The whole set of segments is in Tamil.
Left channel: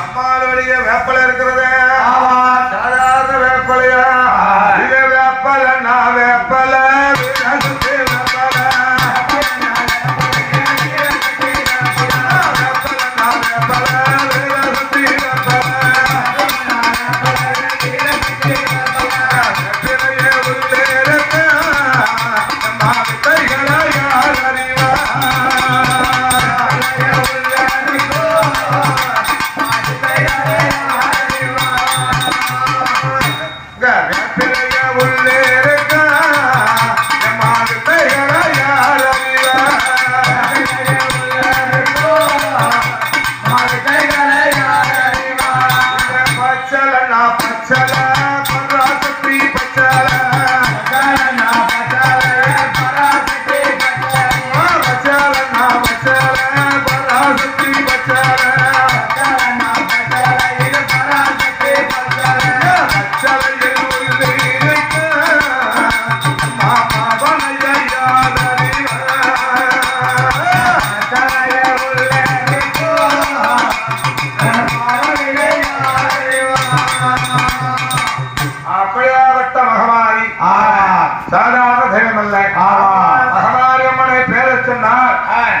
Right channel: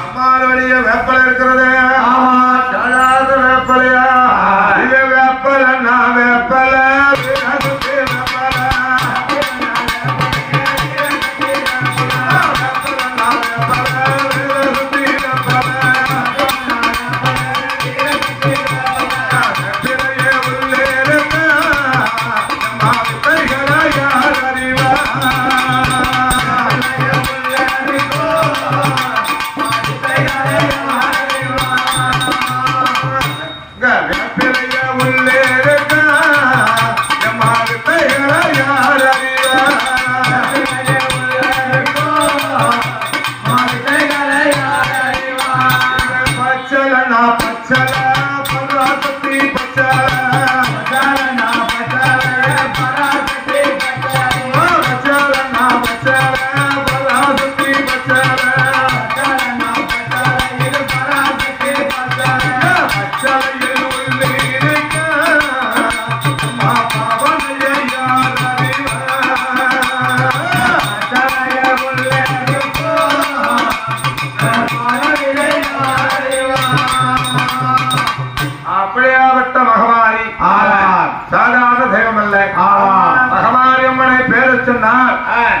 அம்மாளுடைய வேப்பலை இருக்கிறது வேப்பலையா இது வேப்பலை நான் வேப்பலை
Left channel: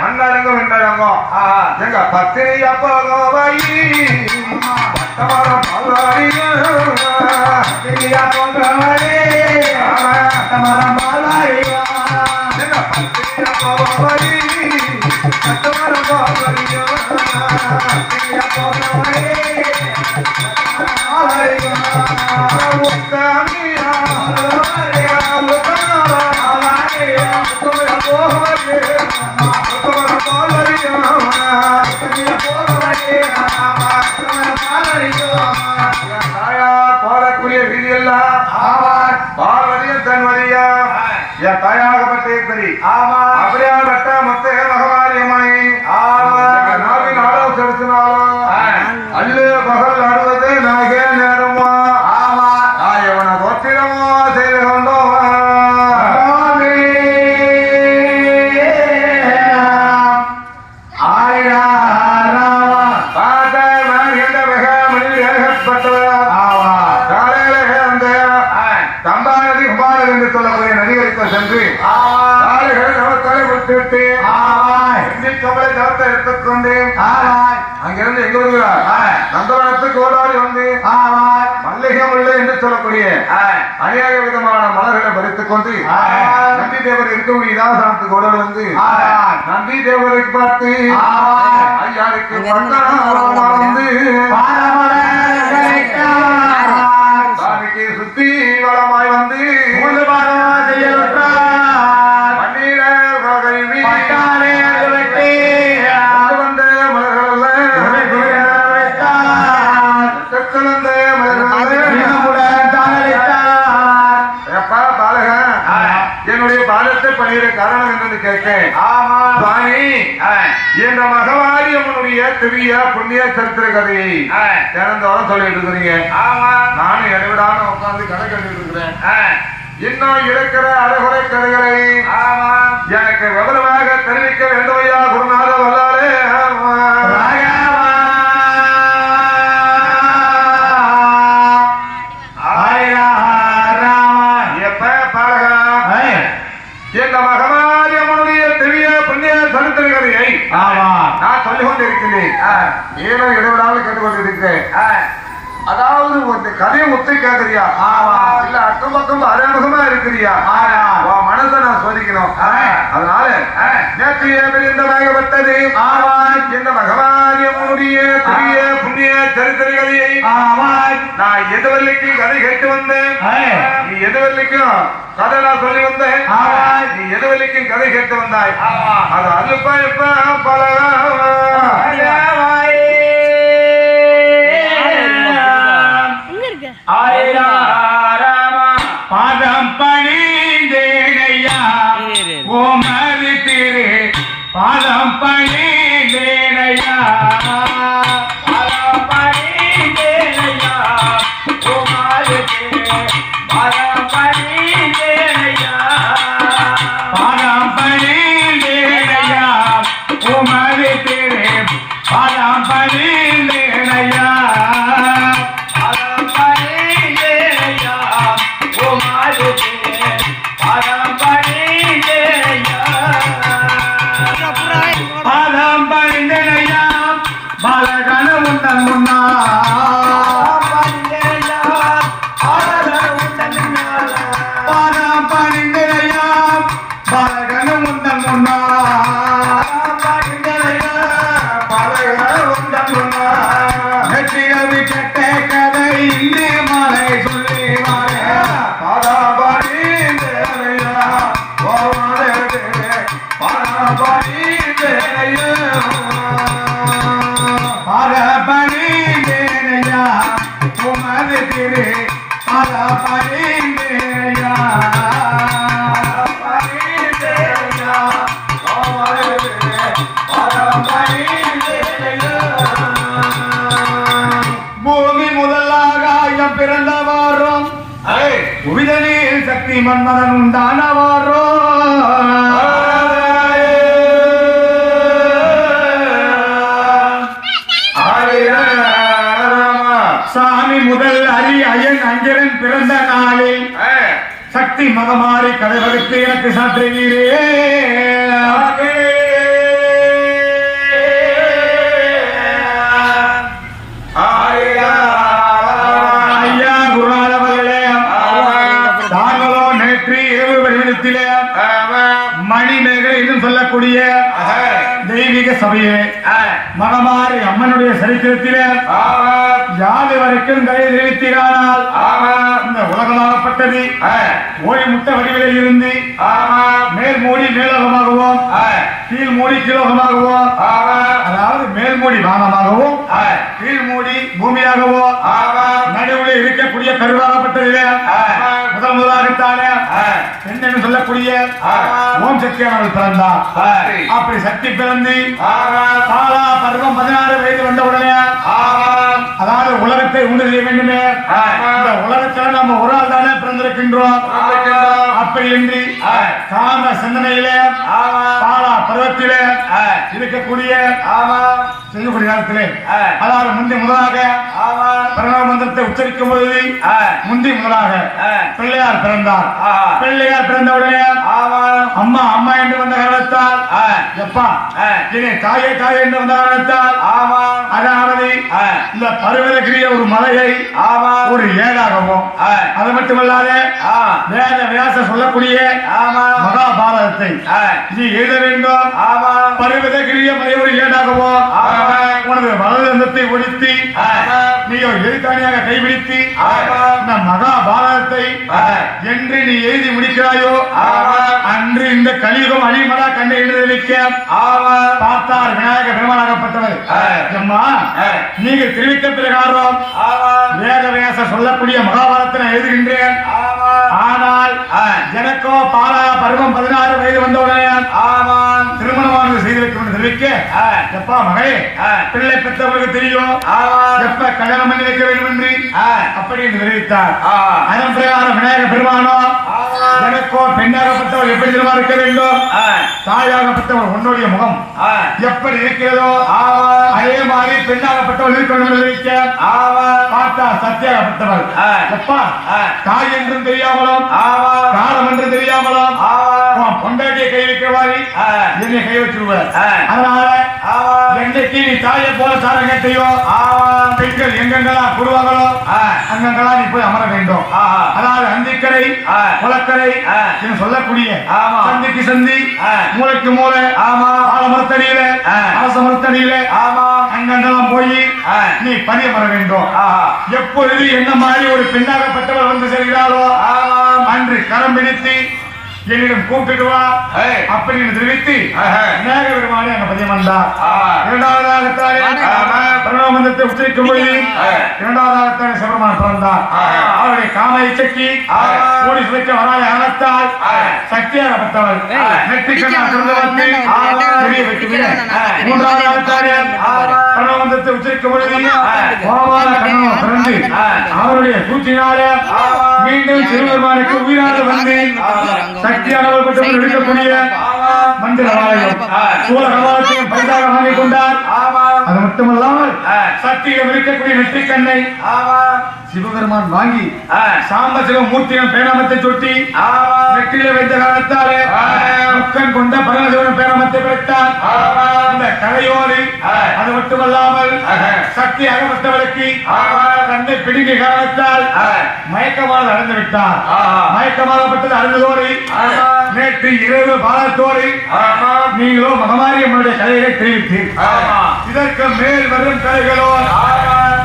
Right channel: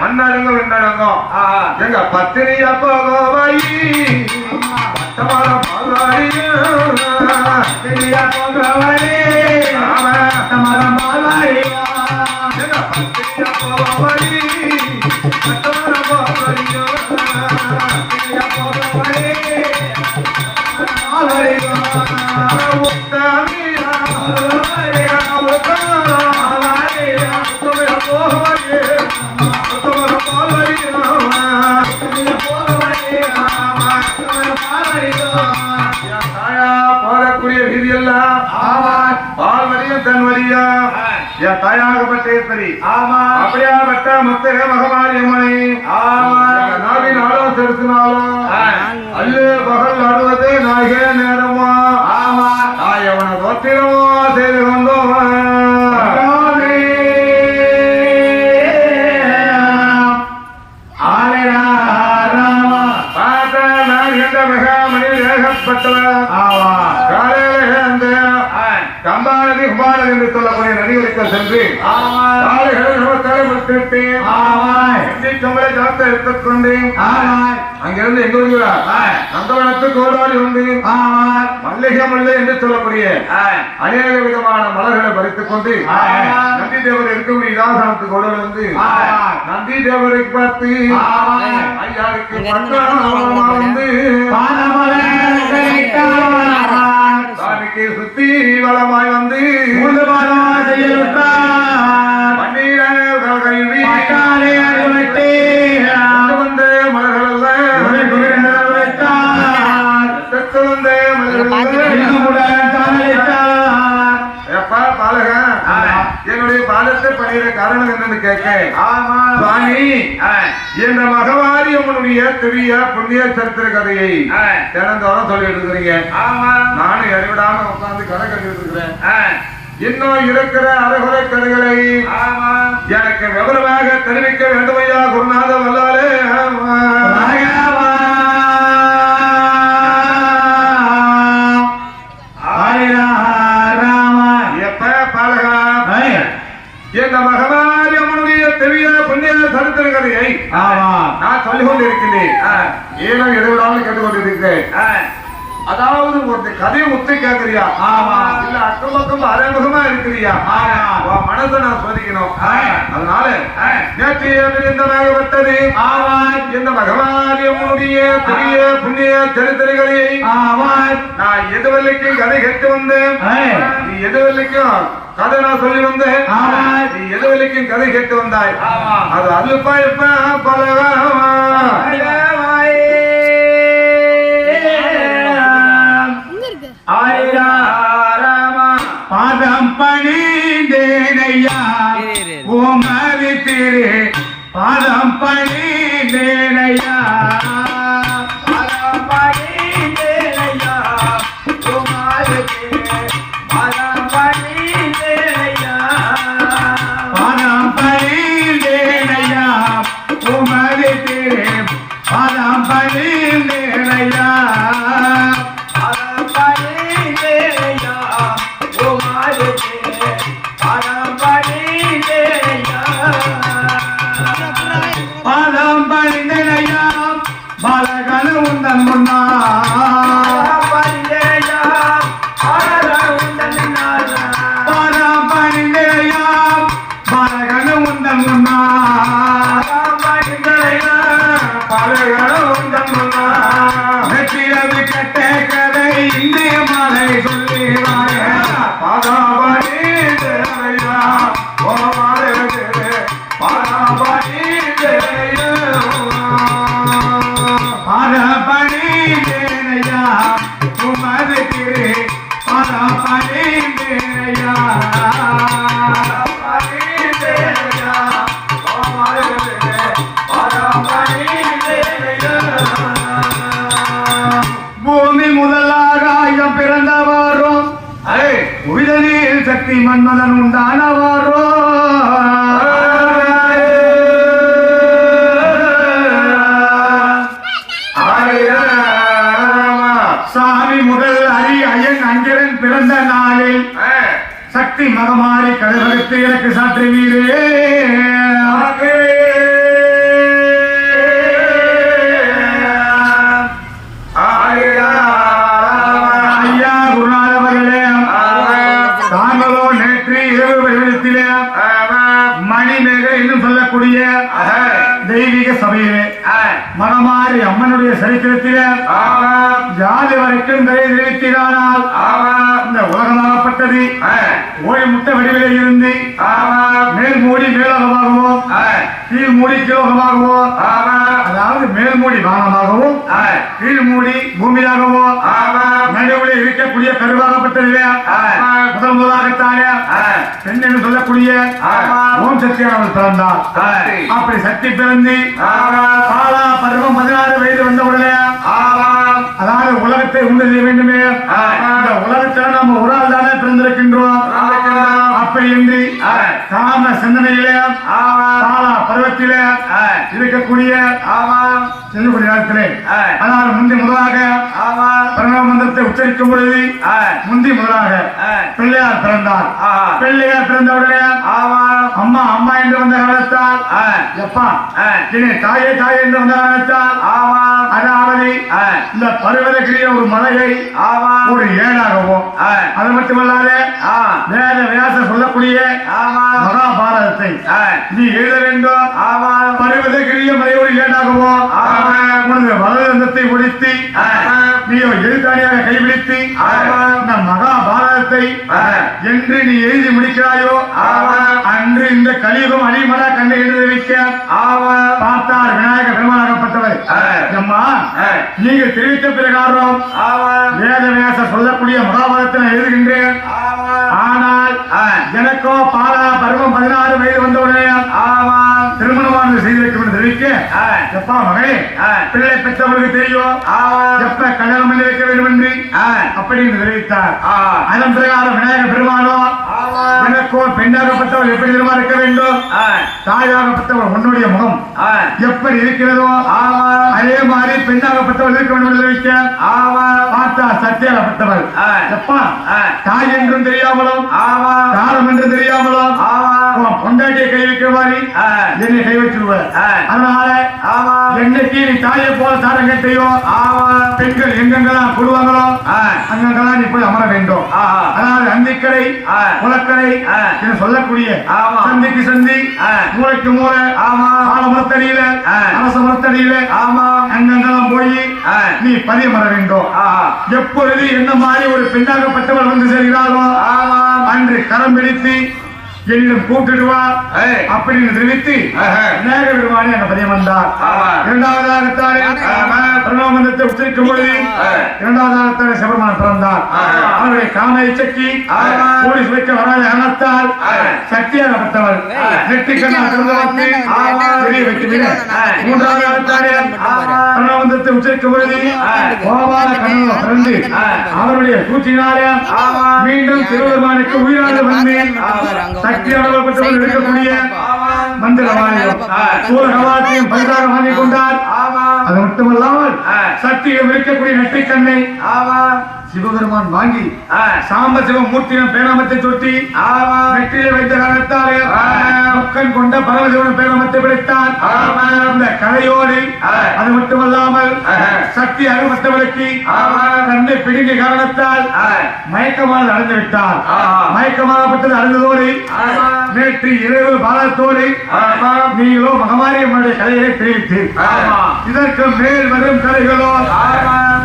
மண்ணடங்கு விண்ணடங்கும் எங்க பத்திரியா போகோவை தாயாகப்பட்டேஸ்வரி அப்படியாப்பட்ட முத்தக மகமாரியம்மனை நாளின் ஆலோசனாலும் அல்ல பகல் நடுவது நகே நேரமா எவன தோற்றிடமோ செய்து கொண்டோம் சென்று நமஸ்கார கொடுத்துட்டு எடுத்துக்கொண்டு அங்கிருந்து எங்க வருகிறார் நந்தவனத்துக்கு ஓடாடி வந்து மல்லிகை முல்லை என்று சொல்லக்கூடிய அநேக விதமான மலர்களை பறித்துக் கொண்டு நந்தி தேவர் இருக்கக்கூடிய இதாசனத்துக்கு ஓட வந்து நந்தி தேவரை பார்த்து ஐயாருக்கு வந்து சாமிக்கு சுத்தி வளமாய் வந்து என்னுடைய பாதத்தை பணியிட காரணம் என்று கேட்க என்ற மகவாரி அவனுடைய பெரிய புண்ணிய சரித்திர கதையை திறந்தோட சொல்லி எடுக்கிறீங்க நானும் எவ்வளவு உட்கார்ந்து கதை கண்டு இருக்கிறேன் இன்னும் இருக்கிற அறகுறை கதைகளை எனக்கு விவரமாக தெரிவிக்க வேண்டும் ஐயா குருநாத வல்லாலே எங்க மகனாரியம்மனுடைய பெரிய புண்ணிய சரித்திர கதையை நான் சொல்லிக் கொண்டிருக்கிறேன் ஏதோ இடைவிடாமல் கேட்டுக்கொண்டிருக்கிறேன் அதாவது ஒரு கதையை முத்து கேட்கறியா இல்ல அக்கம் பக்கம் அரேடமா இருக்கிறியா மனசை நான் சோதிக்கணும் அதனால நேற்று ஏற்பட்டது இந்த மகவாரியம்மனுடைய பெரிய புண்ணிய சரித்திரங்களை நான் எதுவரைக்கு கதை கேட்டு வந்தேன் நீ எதுவரைக்கும் கதை நான் சொல்லி வந்தேன் நீ எதுவரைக்கும் கதை கேட்டு வந்தாய் அது அலுப்ப இப்ப பல பாதம் பணி தேனையா ஓமதி திரு பாதம் பணி தேனையா பாதம் பணி தேனையா ஓமதி திரு பாதம் பணி தேனையா பாதம் பணி தேனையா ஓமதி திரு பாதம் பணிந்தேனையா பாதம் பணிந்தேனையா பாலகன உந்தன் முன்னா பாதம் பணிந்தேனையா பாலகன உந்தன் முன்னா வெற்றியது கெட்ட கதை இந்திய மலை சொல்லி பணிந்தேனையா உமது திரு பணிந்தேனையா பூமி முதலாக ஆயிரம் பிறந்தவாரும் உயிரில் சக்தி மன்மதன் உண்டானவாரோ சாமி முதல் அலி ஐயன் அங்கிரன் பிறந்த நாளில் சக்தி மகமாரி கடவுளுக்கு எனக்கு சாற்றுவீரே ஐயா குருநாதவர்களே தாங்களோ நேற்று இரவு வெளியிடத்திலே மணிமேகலை என்று சொல்லக்கூடிய தெய்வீக சபையிலே மகமாரி அம்மனுடைய சரித்திரத்திலே யாரு வரைக்கும் தயை தெரிவித்தானால் இந்த உலகமாகப்பட்டது ஓடி முட்டை வடிவிலே இருந்து மேல் மூடி மேலோகமாகவோ கீழ் மூடி கீழோகமாகவோ அதாவது மேல் மூடி வானமாகவும் கீழ் மூடி பூமியாகவோ நடுவில் இருக்கக்கூடிய கருவாகப்பட்டதிலே முதலாகத்தானே பெண் என்று சொல்லக்கூடிய ஓம் சக்தியானவள் பிறந்தார். அப்படி சக்தி பிறந்து காலா பருவம் 16 வயது வந்தவுடனே அதாவது உலகத்தை உண்டு செய்ய வேண்டுமே, இந்த உலகத்துல நம்ம ஒரு ஆள் தானே பிறந்திருக்கின்றோம். அப்படி என்று காம சிந்தனையிலே காலா பருவத்திலே இருக்கக்கூடிய செல்லக்கூடிய நேரத்திலே அதாவது முந்தி முதலாக பிரணவ மந்திரத்தை உச்சரிக்கும் பொழுது முந்தி முதலாக பிள்ளையார் பிறந்தார். பிள்ளையார் பிறந்தவுடனே அம்மா அம்மா என்று வந்த காரணத்தால் எப்பா இனி தாயே தாயே என்று வந்த காரணத்தால் அதாவது இந்த பருவதற்குரிய ஒரு மலையை ஒரு ஏடாகவும் அது மட்டுமல்லாத வேத வியாச சொல்லக்கூடிய மகாபாரதத்தை நீ எழுத வேண்டும். பருவதற்குரிய மலை ஒரு ஏடாகவும் உனது வலதுந்தத்தை ஒழித்து நீயோ எழுத்தாணியாக கைபிடித்து இந்த மகாபாரதத்தை என்று நீ எழுதி முடிக்கிறாயோ அன்று இந்த கலியுகம் அணிமலா கண்ணை எழுதி வைக்க பார்த்தார் விநாயக பெருமானாகப்பட்டவர். அம்மா நீங்கள் தெரிவித்த பிரகாரம் வேத வியாச சொல்லக்கூடிய மகாபாரதத்தை எழுதுகின்றேன். ஆனால் எனக்கோ பாலா பருவம் 16 வயது வந்தவுடனே திருமணமானது செய்திருக்கும் தெரிவிக்க எப்பா மகே பிள்ளை பெற்றவர்களுக்கு தெரியும் எப்ப கல்யாணம் பண்ணி வைக்க வேண்டும் என்று அப்படி என்று தெரிவித்தார். அதன் பிரகாரம் விநாயக பெருமானோ எனக்கோ பெண்ணாகப்பட்டவர் எப்படி தெரியுமா இருக்க வேண்டும், தாயாகப்பட்டவர் உன்னுடைய முகம் எப்படி இருக்கிறதோ அதே மாதிரி பெண்ணாகப்பட்டவர் இருக்க வேண்டும் என்று தெரிவிக்க பார்த்தா சத்தியாகப்பட்டவர் எப்பா தாய் என்றும் தெரியாமலும் காலம் என்றும் தெரியாமலும் பொண்டாட்டியை கை வைக்கிறவாரி என்னை கை வச்சிருவார். அதனால என்னைக்கு நீ தாயை போல சாரங்கத்தையும் பெண்கள் எங்கெங்கெல்லாம் கூடுவாங்களோ அங்கெங்கெல்லாம் நீ போய் அமர வேண்டும். அதாவது அந்திக்கரை குளக்கரை என்று சொல்லக்கூடிய சந்திக்கு சந்தி மூளைக்கு மூளை மரத்தடியில அரச மரத்தடியில அங்கெங்கெல்லாம் போய் நீ பதியம் வர வேண்டும். எப்பொழுது என்ன மாதிரி ஒரு பெண்ணாகப்பட்டவர் வந்து செல்கிறாரோ அன்று கரம் பிடித்து என்னிடம் கூப்பிடுவா அப்படின்னு தெரிவித்து விநாயக பெருமானே அந்த பதியம் வந்தார். இரண்டாவதாகத்தாலே பிரணவமந்திரத்தை உச்சரிக்கும் பொழுது இரண்டாவதாகத்தாலே சிவபெருமான் பிறந்தார். அவருடைய காம இச்சைக்கு கூடி சுவைக்க வராத காரணத்தால் சக்தியாகப்பட்டவர் பிரணவமந்திரத்தை உச்சரிக்கும் பொழுது அவருடைய சூழ்ச்சியினாலே மீண்டும் சிவபெருமானுக்கு உயிராக வந்து அது மட்டுமல்லாமல் சக்தியை இருக்கக்கூடிய நெற்றிக்கண்ணை சிவபெருமான் வாங்கி சாம்பசிவ மூர்த்தியின் பேராமத்தை சுட்டி நெற்றியில வைத்த காரணத்தாலே முக்கன் கொண்ட பரமசிவன் பேராமத்தை படைத்தார். இந்த கதையோடு அது மட்டுமல்லாமல் சக்தி அகமற்றவளுக்கு தன்னை பிடிங்க காரணத்தால் மயக்கமாக நடந்து விட்டார். மயக்கமாகப்பட்டது அறிந்ததோடு நேற்று இரவு பாலத்தோடு நீங்களோ மகமாரியம்மனுடைய கதையை தெரிவித்து இதற்கு மேல் வரும் கதைகளோ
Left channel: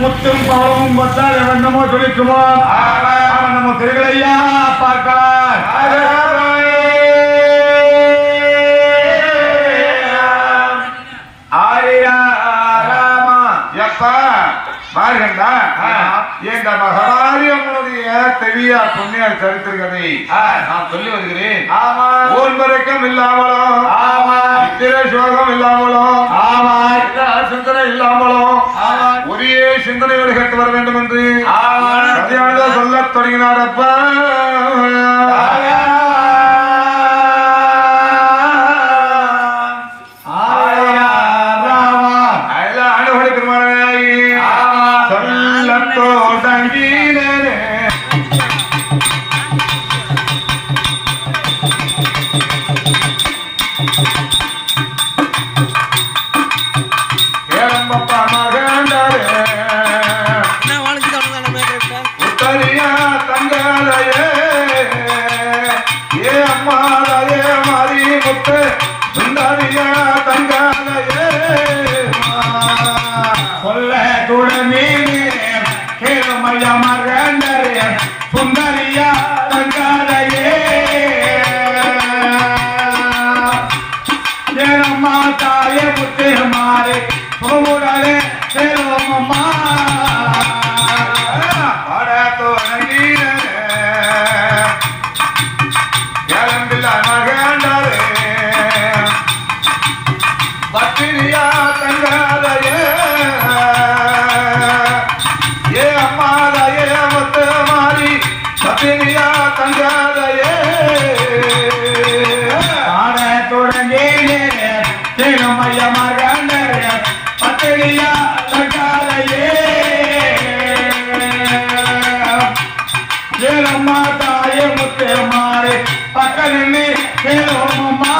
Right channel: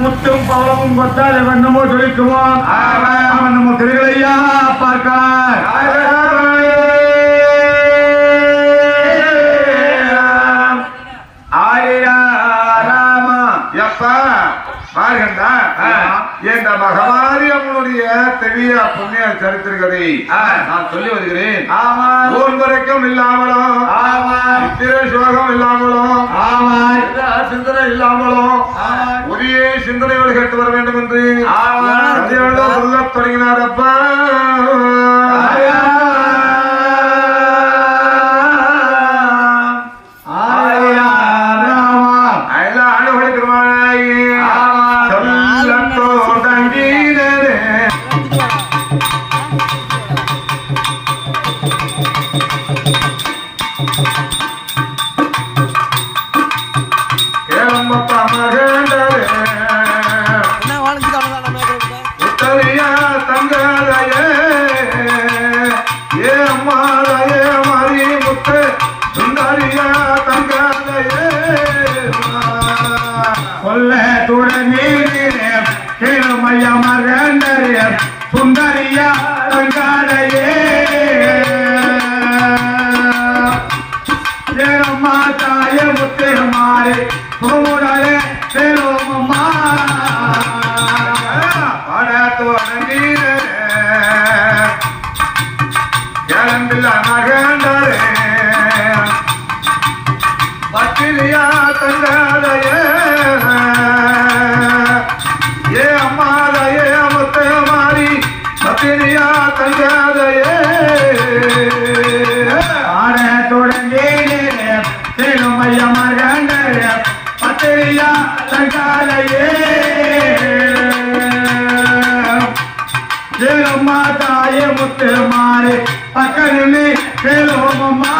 முத்தும் பவளமும் கொத்தால் என்னமோ துடிக்குவோம். அவன் நம்ம திருவிழையா பார்க்கிறார். இந்த மகமாரியம்மனுடைய தெரிய புண்ணிய சரித்திரகதை நான் சொல்லி வருகிறேன். ஓன்பரக்கம் இல்லாமலும் சோகம் இல்லாமலும் சிந்தனை இல்லாமலும் ஒரே சிந்தனையோடு கேட்டு வர வேண்டும் என்று சொல்ல தொடங்கினாரப்பா. முத்து மாறி பக்கமே பேரோ மம்மா